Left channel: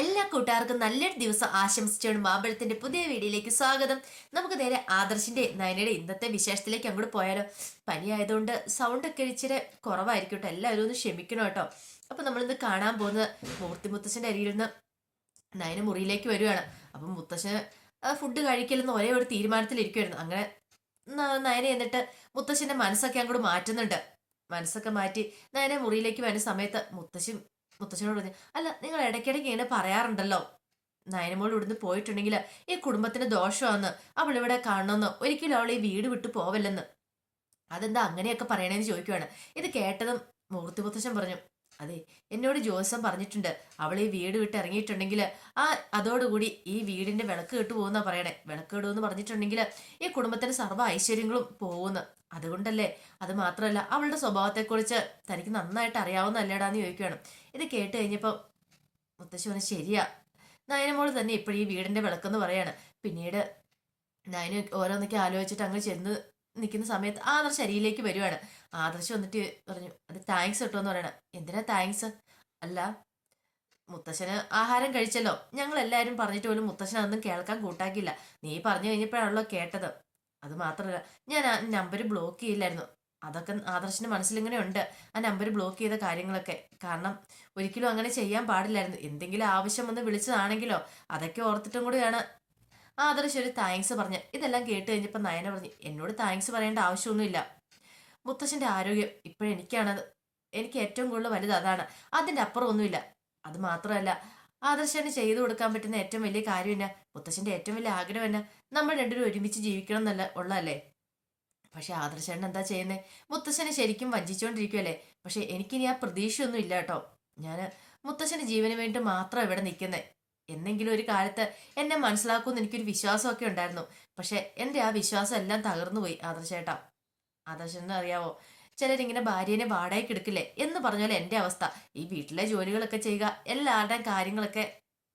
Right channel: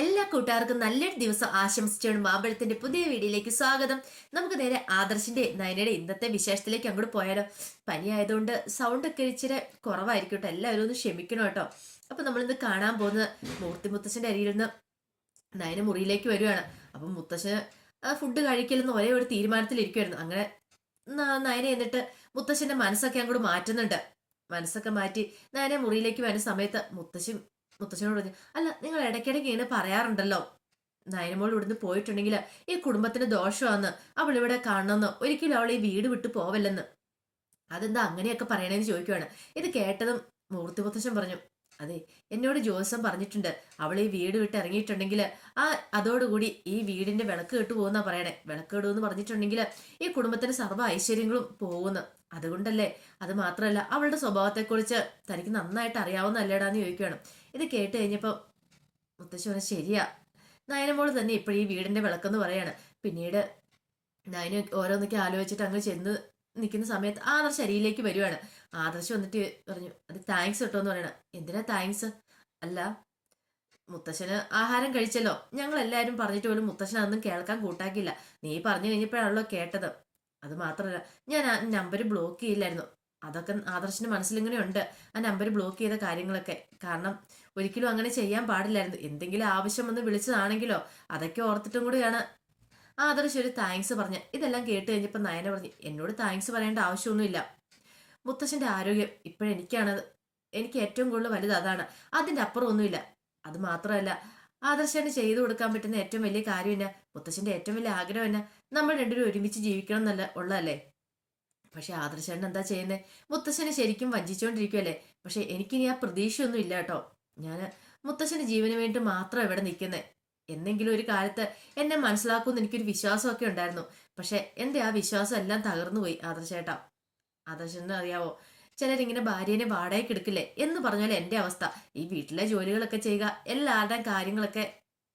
എല്ലാ കൂട്ടുകാർക്കും നല്ലൊരു ദിവസം ആശംസിച്ചുകൊണ്ട് മാമ്പഴത്തിന്റെ പുതിയ വീഡിയോയിലേക്ക് സ്വാഗതം. നമുക്ക് നേരെ ആദർശിന്റെ നയനയുടെ ഇന്നത്തെ വിശേഷത്തിലേക്ക് അങ്ങോട്ട് പോയാലോ. പനി ആയതുകൊണ്ട് സൗണ്ട് ഒക്കെ ഇച്ചിരി കുറവായിരിക്കും കേട്ടോ, എല്ലാവരും ഒന്ന് ക്ഷമിക്കണം കേട്ടോ. അപ്പൊ നമ്മളിന്ന് കാണാൻ പോകുന്നത് മുത്തശ്ശന്റെ അരിയിൽ നിന്ന് നയന മുറിയിലേക്ക് വരുവാണ്. അപ്പൊ മുത്തശ്ശന് ഫുഡ് കഴിക്കലെന്ന് ഒരേ ഒരു തീരുമാനത്തിലിരിക്കുമായിരുന്നു. അങ്ങനെ നയന എന്നിട്ട് മുത്തശ്ശന്റെ മനസ്സൊക്കെ അങ്ങോട്ട് മാറ്റുന്നുണ്ട്. മനസ്സൊക്കെ മാറ്റി നയന മുറിയിലേക്ക് വരുന്ന സമയത്ത് മുത്തശ്ശനോട് പറഞ്ഞു, അല്ല നിങ്ങൾ ഇടയ്ക്കിടയ്ക്ക് ഇങ്ങനെ പറയാറുണ്ടല്ലോ നയനമോൾ ഇവിടുന്ന് പോയിട്ടുണ്ടെങ്കിൽ ഈ കുടുംബത്തിന് ദോഷമാണെന്ന്, അവൾ ഇവിടെ കാണണമെന്ന്, ഒരിക്കലും അവൾ ഈ വീട് വിട്ടു പോവല്ലെന്ന്. അതെന്താ അങ്ങനെയൊക്കെ പറയണേന്ന് ചോദിക്കുവാണ്. ഇത് കേട്ടതും മുത്തശ്ശൻ പറഞ്ഞു, അതെ, എന്നോട് ജോത്സ്യം പറഞ്ഞിട്ടുണ്ട്, അവൾ ഈ വീട് വിട്ട് ഇറങ്ങിയിട്ടുണ്ടെങ്കിൽ അതോടുകൂടി ഈ വീടിന്റെ വിളക്ക് കേട്ടു പോകുന്നാ പറയണേ. വിളക്ക് കേടുവെന്ന് പറഞ്ഞിട്ടുണ്ടെങ്കിൽ ഈ കുടുംബത്തിന് സർവ്വ ഐശ്വര്യങ്ങളും പോകുന്നു. അതുകൊണ്ടല്ലേ, അത് മാത്രമല്ല അവളുടെ സ്വഭാവത്തെക്കുറിച്ച് തനിക്ക് നന്നായിട്ട് അറിയാവുന്നല്ലേടാന്ന് ചോദിക്കുകയാണ്. ഇത് കേട്ട് കഴിഞ്ഞപ്പോൾ മുത്തശ്ശി പറഞ്ഞു, ശരിയാ, നയനമോള് തന്നെ ഇപ്പോഴും ഈ വീടിന്റെ വിളക്കെന്ന് പറയാണ്. പിന്നീട് നയന ഓരോന്നൊക്കെ ആലോചിച്ചിട്ട് അങ്ങ് ചെന്ന് നിൽക്കുന്ന സമയത്ത് ആദർശ് അരിയിലേക്ക് വരുവാണ്. ആദർശ് വന്നിട്ട് പറഞ്ഞു, അത് താങ്ക്സ് കേട്ടോ എന്ന് പറയണം. എന്തിനാ താങ്ക്സ്? അല്ല, മുത്തശ്ശന് ആഹാരം കഴിച്ചല്ലോ, ഞങ്ങൾ എല്ലാവരും പറഞ്ഞിട്ട് പോലും മുത്തശ്ശൻ അതൊന്നും കേൾക്കാൻ കൂട്ടാക്കില്ല. നീ പറഞ്ഞു കഴിഞ്ഞപ്പോഴാണല്ലോ കേട്ടത്. അത് മാത്രമല്ല, ഞാൻ ആ നമ്പർ ബ്ലോക്ക് ചെയ്യില്ലായിരുന്നു. അതൊക്കെ ആദർശിന്റെ മനസ്സിലിങ്ങനെ ഉണ്ട്, ആ നമ്പർ ബ്ലോക്ക് ചെയ്ത കാര്യങ്ങളൊക്കെ. കാരണം ഒരിക്കലും അങ്ങനെ ചെയ്യാൻ പാടില്ലായിരുന്നു. എന്തെങ്കിലും ആവശ്യം വന്ന് വിളിച്ചതാണെങ്കിലോ അതൊക്കെ ഓർത്തിട്ടും കൂടിയാണ് ആദർശ് ഒരു താങ്ക്സ് പറഞ്ഞ. ഇതെല്ലാം കേട്ട് കഴിഞ്ഞപ്പോൾ നയന പറഞ്ഞു, എന്നോട് താങ്ക്സ് പറയേണ്ട ആവശ്യമൊന്നുമില്ല. മുത്തശ്ശന്റെ ആരോഗ്യം ഇപ്പോഴെനിക്കാണത്, എനിക്ക് ഏറ്റവും കൂടുതൽ വലുത് അതാണ്, അതിന്റെ അപ്പുറം ഒന്നുമില്ല. അത് മാത്രമല്ല, ആദർശന് ചെയ്തു കൊടുക്കാൻ പറ്റുന്ന ഏറ്റവും വലിയ കാര്യം തന്നെ, മുത്തശ്ശന്റെ ഏറ്റവും വലിയ ആഗ്രഹം തന്നെ, നമ്മൾ രണ്ടുപേരും ഒരുമിച്ച് ജീവിക്കണം എന്നല്ല ഉള്ളതല്ലേ. പക്ഷെ ആദർശേട്ടൻ എന്താ ചെയ്യുന്നത്? മുത്തശ്ശനെ ശരിക്കും വഞ്ചിച്ചുകൊണ്ടിരിക്കുവല്ലേ. പക്ഷെ എനിക്കിനി ആ പ്രതീക്ഷയൊന്നും ഇല്ല കേട്ടോ. ഞാൻ മുത്തശ്ശന്റെ ജീവന് വേണ്ടി മാത്രം ഇവിടെ നിൽക്കുന്നത്. എന്നെങ്കിലും ഒരു കാലത്ത് എന്നെ മനസ്സിലാക്കുമെന്ന് എനിക്കൊരു വിശ്വാസമൊക്കെ ഉണ്ടായിരുന്നു. പക്ഷെ എന്റെ ആ വിശ്വാസം എല്ലാം തകർന്നു പോയി ആദർശേട്ടാ. ആദർശന് അറിയാവോ, ചിലരിങ്ങനെ ഭാര്യനെ വാടകയ്ക്ക് എടുക്കില്ലേ എന്ന് പറഞ്ഞാൽ എന്റെ അവസ്ഥ. ഈ വീട്ടിലെ ജോലികളൊക്കെ ചെയ്യുക, എല്ലാവരുടെയും കാര്യങ്ങളൊക്കെ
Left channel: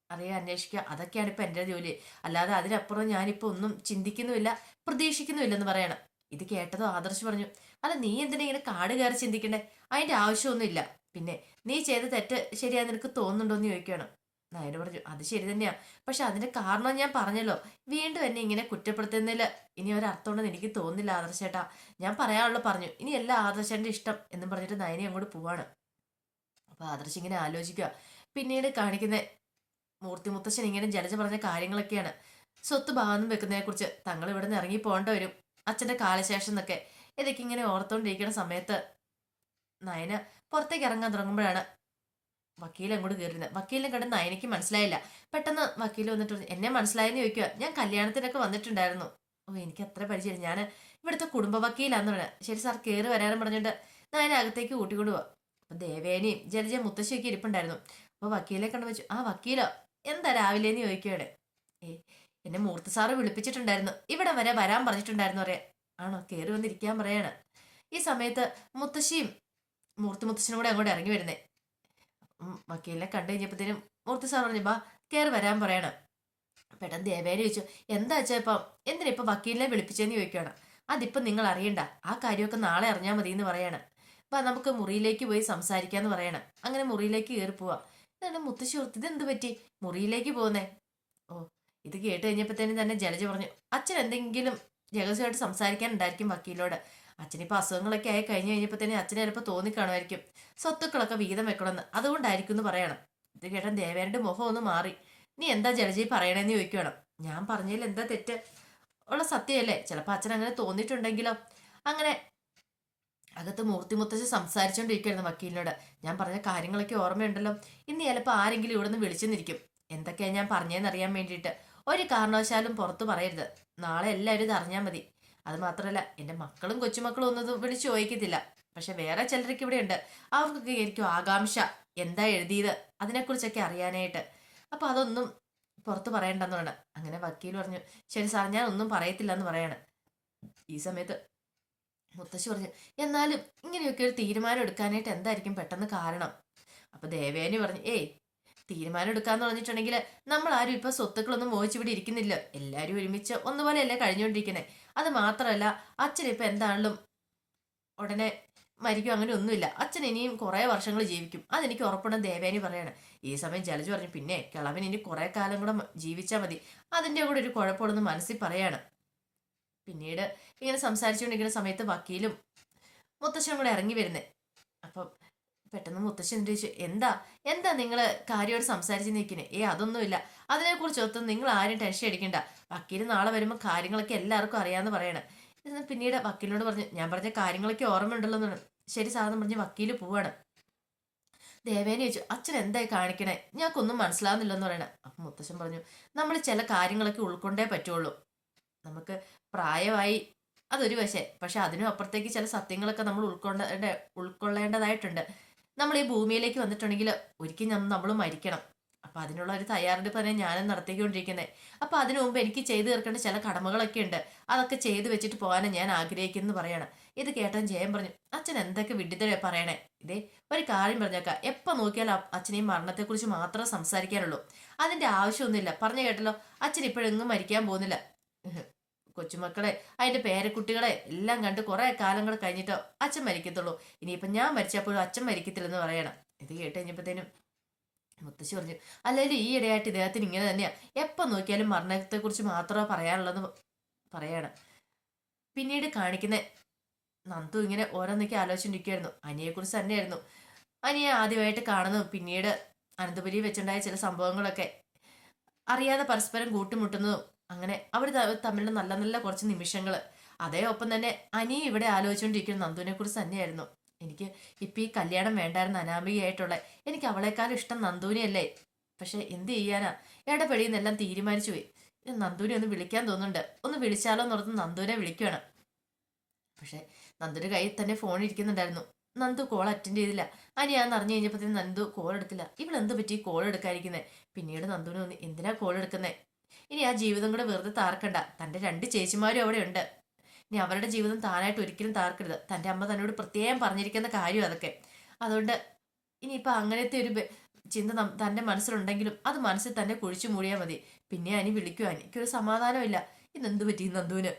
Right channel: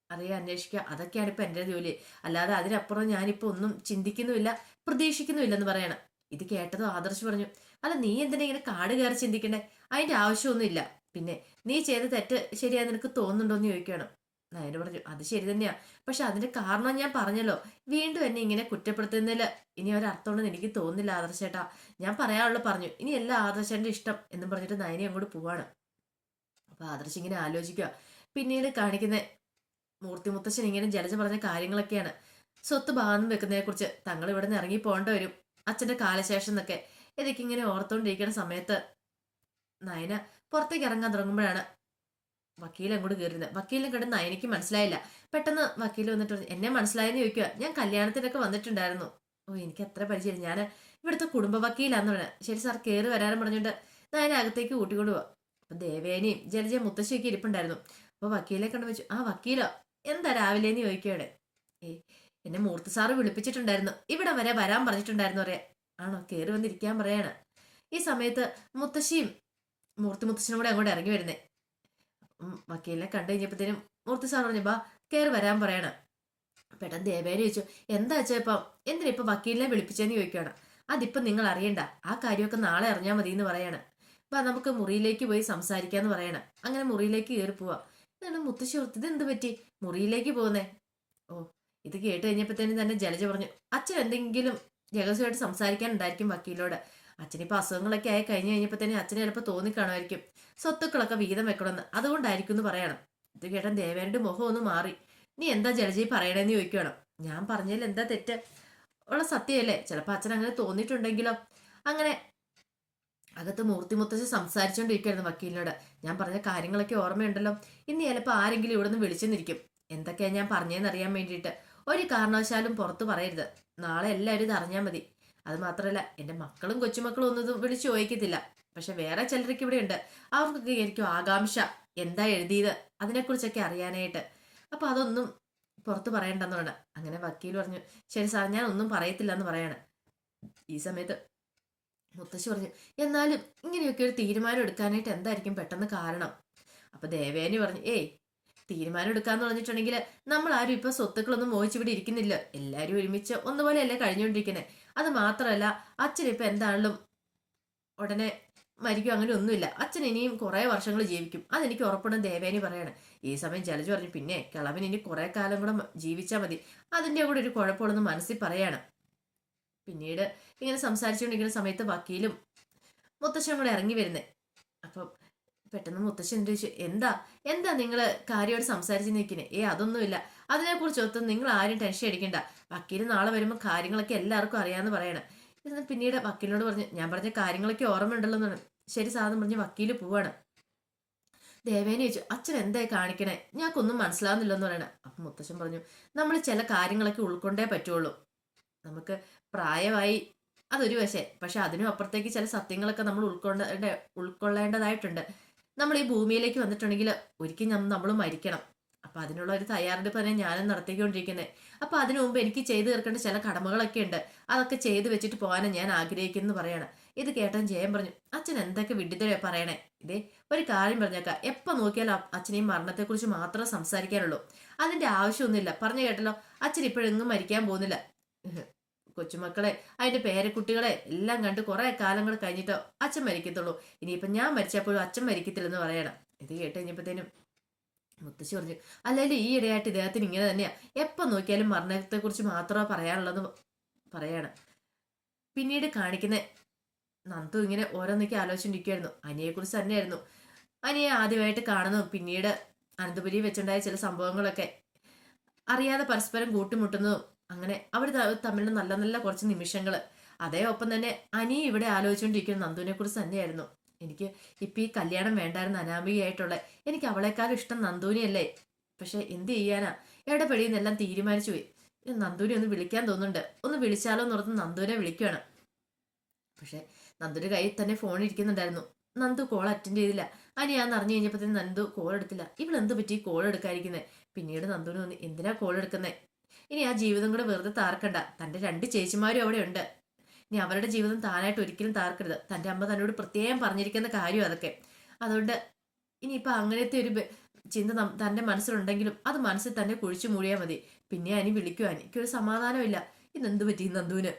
അറിയാൻ അന്വേഷിക്കുക, അതൊക്കെയാണ് ഇപ്പൊ എന്റെ ജോലി. അല്ലാതെ അതിനപ്പുറം ഞാനിപ്പോ ഒന്നും ചിന്തിക്കുന്നുമില്ല, പ്രതീക്ഷിക്കുന്നുമില്ലെന്ന് പറയണം. ഇത് കേട്ടതോ ആദർശ് പറഞ്ഞു, അല്ല നീ എന്തിനാ ഇങ്ങനെ കാട് കയറി ചിന്തിക്കണ്ടേ? അതിന്റെ ആവശ്യമൊന്നുമില്ല. പിന്നെ നീ ചെയ്ത തെറ്റ് ശരിയായി നിനക്ക് തോന്നുന്നുണ്ടോ എന്ന് ചോദിക്കുകയാണ്. നയന പറഞ്ഞു, അത് ശരി തന്നെയാ, പക്ഷെ അതിന്റെ കാരണം ഞാൻ പറഞ്ഞല്ലോ. വീണ്ടും എന്നെ ഇങ്ങനെ കുറ്റപ്പെടുത്തുന്നതിൽ ഇനി ഒരർത്ഥമുണ്ടെന്ന് എനിക്ക് തോന്നുന്നില്ല ആദർശേട്ടാ. ഞാൻ പറയാനുള്ള പറഞ്ഞു, ഇനി എല്ലാ ആദർശന്റെ ഇഷ്ടം എന്നും പറഞ്ഞിട്ട് നയനെ അങ്ങോട്ട് പോവാണ്. അപ്പൊ ആദർശ് ഇങ്ങനെ ആലോചിക്കുക. പിന്നീട് കാണിക്കുന്ന മുത്തശ്ശൻ ഇങ്ങനെ ജലജ പറഞ്ഞ കാര്യങ്ങളൊക്കെയാണ്. സ്വത്ത് ഭാഗം വെക്കുന്നതിനെ കുറിച്ച്, തങ്ങൾ ഇവിടെ നിന്ന് ഇറങ്ങി പോകേണ്ടി വരും അച്ഛന്റെ കാലശേഷം എന്നൊക്കെ. ഇതൊക്കെ ഇങ്ങനെ ഓർത്തുകൊണ്ടിരിക്കുന്ന സമയത്ത് നയന പുറത്തേക്ക് ഇറങ്ങാൻ തുടങ്ങുമ്പോഴാണ് വക്കീൽ അങ്ങോട്ട് കയറുന്നത്. വക്കീലിനെ കണ്ട് നയനയ്ക്ക് മനസ്സിലായില്ല. പെട്ടെന്ന് വക്കീൽ വന്നിട്ട് എന്നെ മനസ്സിലായെന്ന് ചോദിക്കുക. ഞാൻ കല്യാണത്തിനൊക്കെ വന്നിട്ടുണ്ടായിരുന്നു. ഓ, എനിക്ക് അത്ര പരിചയം, ഞാൻ ഇവിടുത്തെ കുടുംബ വക്കീലാന്ന് പറയാം. ശരി സാർ, കയറി വരാനും പറഞ്ഞിട്ട് നയന അകത്തേക്ക് കൂട്ടിക്കൊണ്ടു പോവാ. അപ്പൊ ദേവേനയും ജലജ മുത്തശ്ശിയൊക്കെ ഇരിപ്പുണ്ടായിരുന്നു. അപ്പൊ വക്കീലെ കണ്ടു വെച്ചു, ആ വക്കീലോ, എന്താ രാവിലെന്ന് ചോദിക്കുകയാണ്. എന്നെ മൂർത്തി സാറ് വിളിപ്പിച്ചിട്ടുണ്ടായിരുന്നു, ഇവിടെ വരെ വരാൻ പറഞ്ഞിട്ടുണ്ടായിരുന്നു പറയാ. ആണോ, കയറി വന്നിരിക്കാൻ പറയാണ്. ഈ സമയത്ത് മുത്തശ്ശിയും മുത്തശ്ശനും കൂടെ അങ്ങോട്ട് ഇറങ്ങി വരുന്നേ. വക്കീലിനെ കണ്ടു കഴിഞ്ഞപ്പോഴത്തേനും മൂർത്തി സാർ പറഞ്ഞു, ബാ കയറി വരാൻ പറയണം. പെട്ടെന്ന് ദേവേനെ ചോദിച്ചു, എന്താ വെച്ചാ ഇപ്പം എന്തിനാ ഇപ്പൊ വക്കീലിനെ വിളിപ്പിച്ചെന്ന് ചോദിക്കുകയാണ്. അതിപ്പം നിങ്ങൾ അറിയണ്ട, ആ കാര്യമൊക്കെ നാളെ അറിഞ്ഞാൽ മതി എന്ന് പറയാണ്. അപ്പൊ നമുക്ക് മുറിയിലേക്ക് പോയി സംസാരിക്കാന്ന് പറയണം. അങ്ങനെ മുറിയിലേക്ക് കയറി പോവാ. ഇതാണ് മുത്തശ്ശി ഓർത്ത്, ഇത് എന്ത് പറ്റി മുറിയിലേക്ക് പോകുന്നേ? ഓ, ഇത് കേട്ട് കഴിഞ്ഞപ്പോഴത്തേനും തന്നെ ജലജ പറഞ്ഞു, അച്ഛൻ എന്തെങ്കിലും രഹസ്യമായിട്ട് സംസാരിക്കാനുണ്ടായിരിക്കും വക്കീലോട്. അച്ഛനിപ്പോ അസുഖങ്ങളൊക്കെ ആയി കഴിഞ്ഞു കഴിഞ്ഞപ്പോഴത്തേനും അച്ഛനെ ചിലപ്പോൾ തോന്നിക്കാണുമായിരിക്കും സ്വത്തുക്കളൊക്കെ വീതം വെക്കണമെന്ന്, അതുകൊണ്ടായിരിക്കും എന്ന് പറയണം. ഇത് കേട്ടാൻ ദേവേന്റെ മുഖം ഒന്ന് മാറി. നീ എന്താ ജലജി പറയണേന്ന് ചോദിക്കണം. ഞാൻ പറഞ്ഞതിൽ എന്താ തെറ്റ്? ഉള്ള സത്യമല്ലേ, ചിലപ്പോൾ അച്ഛൻ അങ്ങനെ തോന്നിയിട്ടുണ്ടെങ്കിലോ. അങ്ങനെ അകത്ത് മുത്തശ്ശി സംസാരിച്ചുകൊണ്ടിരിക്കുകയായിരുന്നു വക്കീലിനോട്. ഞാൻ പറഞ്ഞ കാര്യങ്ങളൊക്കെ ഓർമ്മയുണ്ടല്ലോ, ഇന്ന് ചിലപ്പോൾ ആരെങ്കിലും ഇവിടെ നിന്ന് വിളിച്ചെന്നിരിക്കും. എന്തൊക്കെയാ ഞാൻ പറഞ്ഞതെന്ന് അറിയാൻ വേണ്ടിയിട്ട്. ഒരു കാരണവശാലും പുറത്തു പറയരുത്, നാളെ എല്ലാവരും ഇത് അറിഞ്ഞാൽ മതി. അത് മാത്രമല്ല, എൻ്റെ മക്കളും കൊച്ചുമക്കളും ഒന്നും വിളിച്ചു ചോദിക്കത്തില്ല. പക്ഷെ വേറെ ചിലരൊക്കെ ഇവിടെ ഉണ്ട്, അവർക്കൊക്കെ ആയിരിക്കും ആകാംക്ഷ എന്താ എഴുതിയത് അതിനെക്കുറിച്ചൊക്കെ അറിയാനായിട്ട്. അപ്പൊ അതൊന്നും പുറത്ത് പറയണ്ടെന്ന് പറഞ്ഞു. അങ്ങനെ വക്കീൽ പറഞ്ഞു, ശരി സാർ, ഞാൻ ഒന്നും പറയത്തില്ല എന്ന് പറയാണ്. ഈ സമയത്ത് മുത്തശ്ശി പറഞ്ഞു, എന്നാലും ഇങ്ങനെയൊക്കെ ഒരു തീരുമാനം എടുക്കാനായിട്ട് എന്തായിരിക്കും പെട്ടെന്ന് കാരണം? അപ്പൊ ദേവേനി പറഞ്ഞു, തീരുമാനം എടുക്കാന്ന് പറഞ്ഞിട്ടുണ്ടെങ്കിൽ നമ്മൾ ആരും ഇപ്പൊ സ്വത്തുക്കളൊന്നും മോഹിച്ചിവിടെ ഇരിക്കുന്നില്ല, എല്ലാരും ഒരുമിച്ച് ഒന്നുപോലെയല്ലേ കഴിഞ്ഞുകൊണ്ടിരിക്കുന്നത്. അത് മാത്രമല്ല, അച്ഛൻ ഇപ്പൊ എന്താണെങ്കിലും ഉടനെ മരിക്കും, അങ്ങനെ ഒന്നുമില്ല. അച്ഛൻ ഇനിയും കുറെ വർഷങ്ങൾ ജീവിക്കും, അതെനിക്ക് ഉറപ്പുണ്ടെന്ന് ദേവേനി പറയാണ്. ഈ സമയം ജലജ പറഞ്ഞു, പിന്നെ കിളവൻ ഇനി കുറെ കാലം കൂടെ ജീവിച്ചാൽ മതി, അതിന്റെ കൂടെ ഒരു കുഴപ്പമുള്ളെന്ന് മനസ്സിൽ പറയാണ്. പിന്നീട് ഇങ്ങനെ സംസാരിച്ചുകൊണ്ടിരിക്കുന്ന സമയത്ത് വക്കീലും മുത്തശ്ശനും കൂടെ ഇറങ്ങി വരുന്നേ. അപ്പം പെട്ടെന്ന് മുത്തശ്ശൻ ചോദിച്ചു, എന്താ എന്താ നിങ്ങൾ കാര്യമായിട്ട് സംസാരിച്ച് നിൽക്കുന്നേ? അതൊന്നുമില്ല, അതിനെക്കുറിച്ച് ഒത്തും നിങ്ങൾ ആരും ടെൻഷൻ അടിക്കണ്ട, വക്കീൽ നാളെ വരുമ്പോൾ കാര്യങ്ങളൊക്കെ എല്ലാവർക്കും അറിയാമെന്ന് പറയണം. പിന്നീട് വക്കീലിനോട് പറഞ്ഞു, ഞാൻ പറഞ്ഞ കാര്യങ്ങളൊക്കെ ഓർമ്മയുണ്ടല്ലോ എന്നാണ്. ശരി സാധനം പറഞ്ഞ് വക്കീല് പോവാണ്. ദേവേനെ ചോദിച്ചു, അച്ഛൻ എന്തായി കാണിക്കണേ, ഞങ്ങൾക്കൊന്നും മനസ്സിലാവുന്നില്ലെന്ന് പറയണേ. അപ്പം മുത്തശ്ശൻ പറഞ്ഞു, നമ്മൾ ചില കാര്യങ്ങളൊക്കെ ഉൾക്കൊണ്ടേ പറ്റുള്ളൂ, നമുക്ക് പ്രായമായി അതൊരു വശേ, പക്ഷെ അതിനും അപ്പുറത്തേക്ക് ചില സത്യങ്ങളൊക്കെ നമ്മൾ ഉൾക്കൊള്ളേണ്ടതായിട്ടുണ്ട്. നമ്മൾ ഈ ഭൂമിയിലേക്ക് വന്നിട്ടുണ്ടെങ്കിൽ ഒരിക്കലും നമ്മൾ മരിക്കണം. അപ്പൊ അതിനുള്ള ഒരു തയ്യാറെടുപ്പ് തന്നെ ഞാനും നടത്തിക്കൊണ്ടിരിക്കുന്നത്. അപ്പൊ അതിനു മുമ്പ് എനിക്ക് ചെയ്തു തീർക്കേണ്ട ചില കടമകളൊക്കെ ഉണ്ട്, അതൊക്കെ ചെയ്തു വെച്ചിട്ട് പോകാനാണ് ഞാൻ ആഗ്രഹിക്കുന്നു പറയണം. ഇത് കേട്ടാൻ ജയൻ പറഞ്ഞു, അച്ഛൻ എന്തൊക്കെ വിഡിതരെ പറയണേ. ഇതേ ഒരു കാര്യം പറഞ്ഞേക്കാം, എപ്പോ നോക്കിയാൽ അച്ഛനെയും മരണത്തെക്കുറിച്ച് മാത്രമേ സംസാരിക്കാനുള്ളൂ, അതിന്റെ ആവശ്യമൊന്നുമില്ല. പറഞ്ഞു കേട്ടല്ലോ, അച്ഛൻ ഇപ്പോഴെങ്ങും മരിക്കാൻ പോകുന്നില്ല. കൊച്ചുമക്കളെ, അതിന്റെ പേരക്കുട്ടികളെ എല്ലാം കണ്ട് കുറെ കാലങ്ങൾ കഴിഞ്ഞിട്ടോ അച്ഛൻ മരിക്കത്തുള്ളൂ. ഇനിയിപ്പൊ ഞാൻ മരിച്ചപ്പോഴും അച്ഛൻ മരിക്കത്തില്ലെന്ന് പറയണം. ഇത് കേട്ട് കഴിഞ്ഞപ്പോഴത്തേനും മുത്തശ്ശി പറഞ്ഞു, അല്ലെങ്കിൽ ഈ ഇടയായിട്ട് ഇദ്ദേഹത്തിന് ഇങ്ങനെ തന്നെയാ, എപ്പൊ നോക്കിയാലും മരണത്തെ കുറിച്ച് മാത്രമേ പറയാനുള്ളതെന്ന് പറയണം. പിന്നീട് കാണിക്കുന്ന നന്ദു ഇങ്ങനെ ഓരോന്നൊക്കെ ആലോചിച്ചിരിക്കുമായിരുന്നു. അനിയെക്കുറിച്ച് തന്നെയായിരുന്നു. അനിയെ ആദ്യമായിട്ട് കാണുന്നു, പിന്നീട് അനന്തപുരി വെച്ചുണ്ടായ ചില സംഭവങ്ങളൊക്കെ അറിയാതെ പരസ്പരം കൂട്ടുമുട്ടുന്നതും, അങ്ങനെ അവർ തമ്മിലുള്ള നല്ല നല്ല കുറച്ച് നിമിഷങ്ങൾ. അതേ ഒപ്പം തന്നെ അനി ഇവിടെ ആലോചിച്ചുകൊണ്ടിരിക്കുന്ന നന്ദുവിനെ കുറിച്ച് തന്നെയായിരുന്നു. എനിക്ക് ഇപ്പൊ ഈ കല്യാണം വേണ്ടായിരുന്നു അനാമികയായിട്ടുള്ള, എനിക്ക് അവളെക്കാളും ഇഷ്ടം നന്ദുവിനെയല്ലേ. പക്ഷെ എന്ത് ചെയ്യാനാ, ഇടപെടിയെന്നെല്ലാം തീരുമാനിച്ചു പോയി. നന്ദുവിനെ ഒന്ന് വിളിക്കാൻ തോന്നുന്നുണ്ട്, ഒന്ന് വിളിച്ചാലോ എന്നോർത്ത് നന്ദുവിനെ വിളിക്കുകയാണ്. പക്ഷെ നന്ദുവിന്റെ കയ്യിൽ തന്നെ ഫോൺ ഇരിക്കുന്നുണ്ടായിരുന്നു. നന്ദു കോൾ അറ്റൻഡ് ചെയ്തില്ല. അനിയാന്ന് അറിഞ്ഞു കഴിഞ്ഞപ്പോഴത്തേക്കും നന്ദു കോൾ എടുത്തില്ല. ഇവളെന്ത് പറ്റി കോൾ എടുക്കാതിരിക്കുന്നത്? പിന്നീട് നന്ദുവിന് തോന്നി, എന്തിനാ കോൾ എടുക്കുന്നത്, ഇനി ആ ജീവിതം കൂടെ വെറുതെ താർക്കണ്ട. തന്റെ 2 ചേച്ചിമാരും അവിടെ ഉണ്ട്, ഇനി അവരുടെ ജീവിതം താനായിട്ട് ഒരിക്കലും താർക്കരുത്. തന്റെ അമ്മ തന്നോട് പ്രത്യേകം പറഞ്ഞിരിക്കുന്ന കാര്യം അതൊക്കെ. അതുകൊണ്ട് ഇനിയിപ്പൊ അങ്ങനത്തെ ഒരു ചിന്ത തന്റെ മനസ്സിലുണ്ടെങ്കിലും അത് മനസ്സിൽ തന്നെ കുഴിച്ചു മൂടിയാൽ മതി. പിന്നെ അനി വിളിക്കുവാൻ എനിക്കൊരു സമാധാനമില്ല. ഇതെന്ത് പറ്റി നന്ദുവിന്?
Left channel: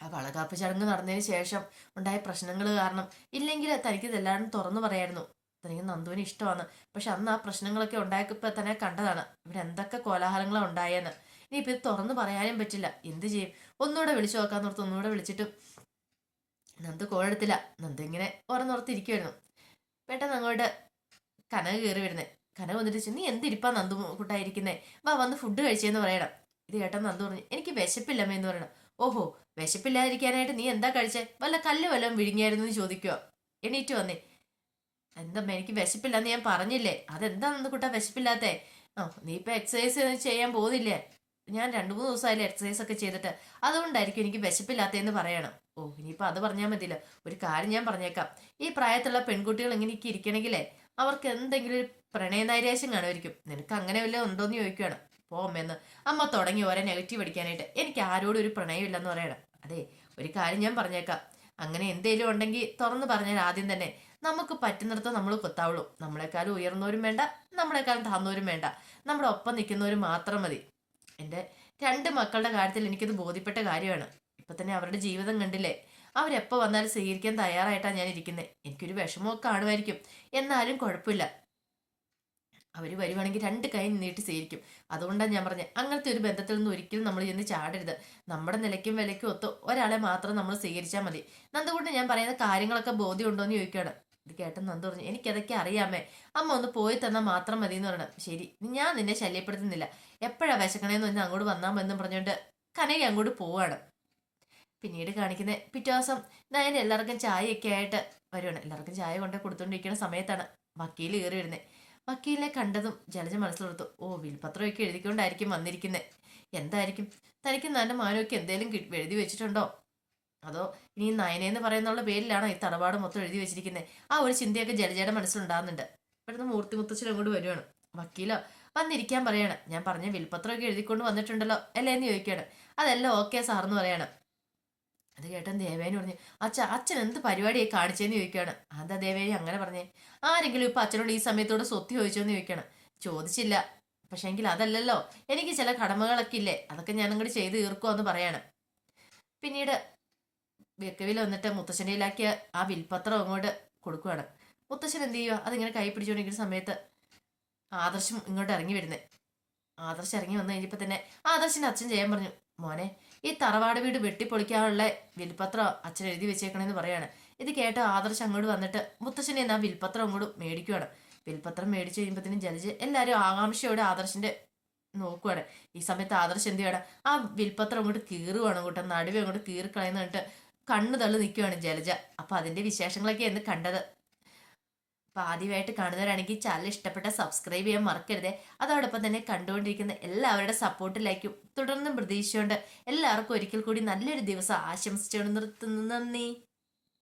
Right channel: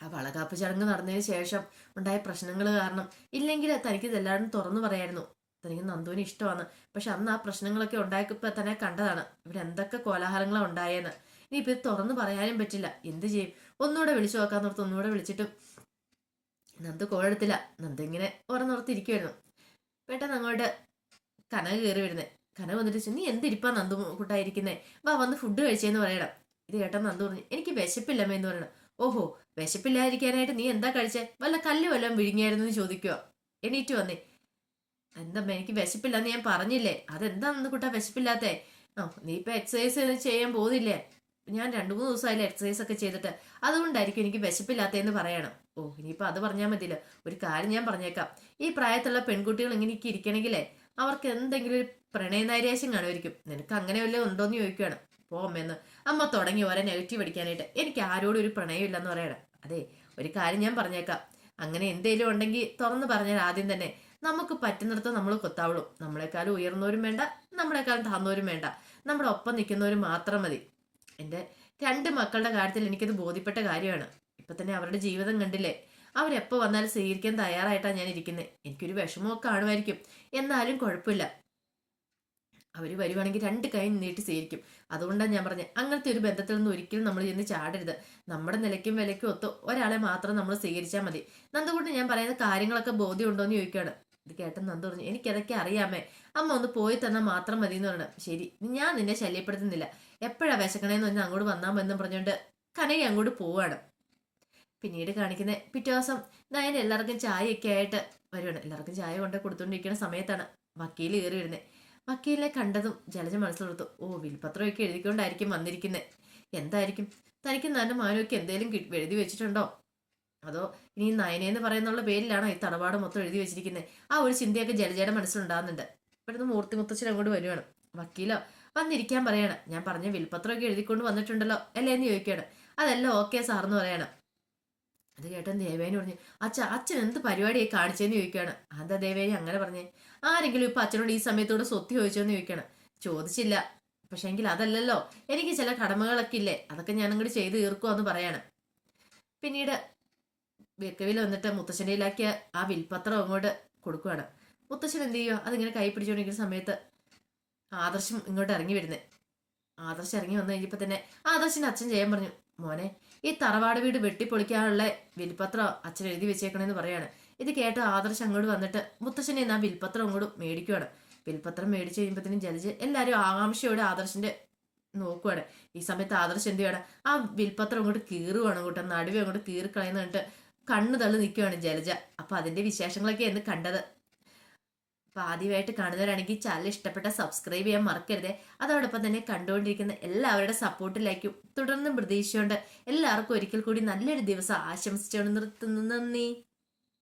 ആ വളകാപ്പ് ചടങ്ങ് നടന്നതിന് ശേഷം ഉണ്ടായ പ്രശ്നങ്ങൾ കാരണം ഇല്ലെങ്കിൽ തനിക്ക് ഇതെല്ലാവരും തുറന്നു പറയായിരുന്നു. തനിക്ക് നന്ദുവിന് ഇഷ്ടമാണ്. പക്ഷെ അന്ന് ആ പ്രശ്നങ്ങളൊക്കെ ഉണ്ടായപ്പോ തന്നെ കണ്ടതാണ് ഇവിടെ എന്തൊക്കെ കോലാഹലങ്ങളാണ് ഉണ്ടായെന്ന്. ഇനിയിപ്പോ ഇത് തുറന്നു പറയാനും പറ്റില്ല, എന്ത് ചെയ്യും? ഒന്നുകൂടെ വിളിച്ചു നോക്കാന്ന് ഓർത്ത് ഒന്നുകൂടെ വിളിച്ചിട്ടും നന്ദു കോളെടുത്തില്ല. നന്ദു ഇങ്ങനെ ഓരോന്നോർത്തിരിക്കുമായിരുന്നു. പെട്ടെന്ന് അങ്ങോട്ട് കനക കയറി വരുന്നേ. കനക വന്നിട്ട്, നീ എന്തിരിപ്പാ നന്ദു കൂട്ടായിരിക്കുന്നേ, വാ വന്ന് ഫുഡ് കഴിച്ചേന്ന് പറയണം. ഇത് കേട്ടാ നന്ദു പറഞ്ഞു, എനിക്ക് വിശപ്പില്ലമ്മ എന്ന് പറയണം. ഓഹോ, വിശപ്പില്ലാതിരിക്കാനായിട്ട് നീ എന്താ കഴിച്ചേ, വല്ല കല്ല് വല്ലതും വിഴുങ്ങിയായിരുന്നു എന്ന് ചോദിക്കുവോ? എണീറ്റ് വന്നേ. എന്താ എനിക്ക് വിശപ്പില്ലാന്ന് ഞാൻ പറഞ്ഞില്ലേ, അതെന്താണെന്ന് കൂട്ടാ വിശപ്പില്ലാത്തേ? നീ ഇപ്പൊ എക്സസൈസ് ചെയ്യാൻ പോകുന്നില്ലേ? ഞാൻ 2-3 ദിവസമായില്ലേ എക്സസൈസ് ഒക്കെ ചെയ്തിട്ട്, അതുകൊണ്ടായിരിക്കും എനിക്ക് വിശപ്പില്ലാത്തതെന്ന് പറയണം. ഓ, ഇനിയിപ്പൊ അത് പറഞ്ഞാൽ മതിയല്ലോ. ഒരു കാര്യം ഞാൻ പറഞ്ഞേക്കാം, ഈ പ്രായത്തിലുള്ള പെൺകുട്ടികൾ ഇങ്ങനെയൊക്കെ ഇരിക്കണമെങ്കിലേ അവർക്ക് എന്തെങ്കിലും ഒരു പ്രണയനൈരാശ്യം കാണുമായിരിക്കും. നിനക്ക് അങ്ങനെ വല്ലതും ഉണ്ടോന്ന് ചോദിക്കുകയാണ്. പോ അമ്മയെന്ന്. അമ്മ തുടങ്ങി ഓരോ നെഗറ്റീവ് അടിക്കാനായിട്ട്. എനിക്ക് ആരോടും ഒരു പ്രണയം ഇല്ലെന്ന് പറയണം. അതെ, ഒരു കാര്യം ഞാൻ പറഞ്ഞേക്കാം, അങ്ങനെ എന്തേലും ഉണ്ടെങ്കിൽ തുറന്ന് പറഞ്ഞാൽ ആദ്യം തന്നെ നമുക്ക് പറ്റുന്നിടത്ത് നമ്മൾ കൊത്താവുള്ളൂ. നമ്മളെക്കാളും ഉയർന്നവരും വേണ്ട, നമ്മളെക്കാളും താഴ്ന്നവരും വേണ്ട, നമ്മുടെ ഒപ്പം നിൽക്കുന്നവരും മാത്രം മതി. എൻ്റെ 2 മക്കളുടെ കാര്യത്തിൽ എനിക്കത് ബോധ്യപ്പെട്ട കാര്യമാണ്. ഇപ്പൊ തന്നെ അവരുടെ ജീവിതം കണ്ടില്ലേ, അവരെപ്പോ വന്നാലും സ്വീകരിക്കാൻ തയ്യാറായിട്ടാണ് ഞാൻ ഇരിക്കുന്നത്. എനിക്കൊരു വിഷമമൊക്കെ കാണുമായിരിക്കും, എന്നാലും കുഴപ്പമില്ല. അവര് വരുവാണെങ്കിൽ 2 കൈ നീട്ടി സ്വീകരിക്കും. അതുകൊണ്ടാണ് ഞാൻ പറഞ്ഞത്, അങ്ങനത്തെ ഒരു ബന്ധത്തിൽ നിന്ന് ഒരിക്കലും നമ്മൾ ചെന്ന് ചാടരുത്. നമ്മുടെ നിലയ്ക്കും വിലയ്ക്കും ഒത്ത് ഒരാളെ മാത്രം നമ്മൾ സ്വീകരിച്ചാൽ മതി. നന്ദുകൊണ്ട് ഞാൻ പറയുന്ന കാര്യങ്ങളൊക്കെ ബോധ്യം ഉണ്ടോന്ന് ചോദിക്കുകയാണ്. ഇത് കേട്ട നന്ദു പറഞ്ഞു, എനിക്കതൊക്കെ അറിയാമേ, അമ്മ ഒന്ന് പോയി തന്നാൽ മാത്രം മതി എന്ന് പറഞ്ഞു. ശരി, ഞാൻ നിന്നെ ശല്യപ്പെടുത്തുന്നില്ല, എപ്പോഴാ വിശക്കണേന്ന് പറഞ്ഞാൽ അങ്ങോട്ട് വന്നാൽ മതി പറഞ്ഞുകൊണ്ട് കനകി അങ്ങോട്ട് പോവാണ്. പിന്നീട് കാണിക്കുന്ന പിറ്റേ ദിവസം നയൻ എല്ലാവർക്കും ചായയൊക്കെ ആയിട്ട് വരുവാണ്. എല്ലാവർക്കും ചായ കൊണ്ട് കൊടുത്തോണ്ടിരിക്കുന്ന സമയത്താണ് വക്കീൽ കയറി വരുന്നത്. വക്കീലിനെ കണ്ടതും ജലജ മനസ്സിലോർത്തു, ഓ, വിൽപത്രമൊക്കെ എഴുതിക്കൊണ്ടായിരിക്കും വന്നിരിക്കുന്നത്. എന്തായിരിക്കും, തനിക്ക് നല്ല മാനമൊക്കെ എന്തേലും എഴുതി വെച്ചിട്ടുണ്ടോ, അതോ ഇനി നയനെന്ന് പറയുന്നുള്ള പേരിലാണോ ഈ തറവാട് മൊത്തം എഴുതി വെച്ചിരിക്കുന്നത്? ആ ഒരു ചിന്തയൊക്കെ ജലജയുടെ മനസ്സിലുണ്ടാകുന്നുണ്ട്. ഇപ്പോഴത്തെ മൂർത്തി മുത്തച്ഛൻ അങ്ങോട്ട് വരുവാണ്. വക്കീലോ വന്നിരിക്കാൻ പറയാണ്. ഞാൻ പറഞ്ഞ വിൽപത്രമൊക്കെ എഴുതിക്കൊണ്ട് വന്നിട്ടുണ്ടല്ലോ അല്ലേ എന്ന് ചോദിക്കുകയാണ്. അതെല്ലാം ഓക്കെ സാറെന്ന് പറയണം. അത് കേട്ടൻ ദേവേനി പറഞ്ഞു, അച്ഛൻ എന്ത് പരിപാടിയായി കാണിച്ചെന്ന് ചോദിക്കുകയാണ്. അതാ ദേവേനി അങ്ങനെ പറഞ്ഞേ? ആരെങ്കിലും ഇപ്പൊ അച്ഛനോട് ഈ സമയത്തോട് സ്വത്ത് ചോദിച്ചോന്ന് ചോദിക്കണം. ചോദിച്ചില്ല, പക്ഷെ എങ്കിൽ അതല്ലല്ലോ, എനിക്ക് ചില കടമകളൊക്കെ ഇല്ലേ, അതൊക്കെ ഞാൻ അങ്ങോട്ട് ചെയ്ത് തീർക്കുമെന്ന് പറയാണ്. പിന്നീട് വെക്കവിൽ വന്നിട്ട് മുത്തശ്ശൻ്റെയിലാക്കിയ ആ വിൽപത്രം അങ്ങോട്ട് കൊടുക്കുകയാണ്. മുത്തശ്ശൻ എന്ത് ചെയ്യുക, അതിങ്ങനെ കൈ പിടിച്ചുകൊണ്ടിരിക്കുന്ന സമയത്ത് ആദർശം ഇങ്ങോട്ട് ഇറങ്ങി വരുന്നത്. ആദർശം ഇറങ്ങി വന്നു കഴിഞ്ഞപ്പോ തന്നെ ആദർശിന്റെ അച്ഛൻ ചെയ്യാൻ പറഞ്ഞു, മോനെ ഈ തറവാട് വീട് വെട്ടിപ്പൊളിക്കാനുള്ള വിൽപത്രം അച്ഛൻ എഴുതി വെച്ചേക്കണെന്ന് പറയാണ്. ഇത് കേട്ട ആദർശം അങ്ങോട്ട് വന്നിട്ട് മുത്തച്ഛനെ ആ വിൽപത്രം അങ്ങോട്ട് മേടിക്കുവാണ്. വിൽപത്രം മേടിച്ചു കഴിയുമ്പോഴത്തേനും ജലജ് എല്ലാവരും ആകാംക്ഷയോടെ ആദർശിന്റെ നോക്കുവാണ്. ഈ സമയത്ത് ആദർശം എന്ത് ചെയ്യണം, ആ വിൽപത്രം അങ്ങോട്ട് കീറുവാണ്, അങ്ങോട്ട് നടുവെ അങ്ങോട്ട് കീറിക്കളയുന്ന കണ്ടിട്ട് കണ്ണു തള്ളി നിൽക്കുവാണ് ജലജ. അപ്പൊ അതിന്റെ വിശേഷങ്ങളൊക്കെ എന്ന് കണ്ടത്. അപ്പൊ ആദ്യമായിട്ട് കാണുന്നവരാണെങ്കിൽ ചാനൽ ഇഷ്ടപ്പെട്ട സബ്സ്ക്രൈബ് ചെയ്യാൻ മറക്കരുതേ. അതോടൊപ്പം തന്നെ കണ്ടുകൊണ്ടിരിക്കുന്ന എല്ലാവരുടെ സപ്പോർട്ടിലേക്കും തുടർന്നും പ്രതീക്ഷയുണ്ട്. എല്ലാവർക്കും ഒരിക്കൽ കൂടി നല്ലൊരു ദിവസം ആശംസിച്ചുകൊണ്ട് നിർത്തുന്നു. നന്ദി.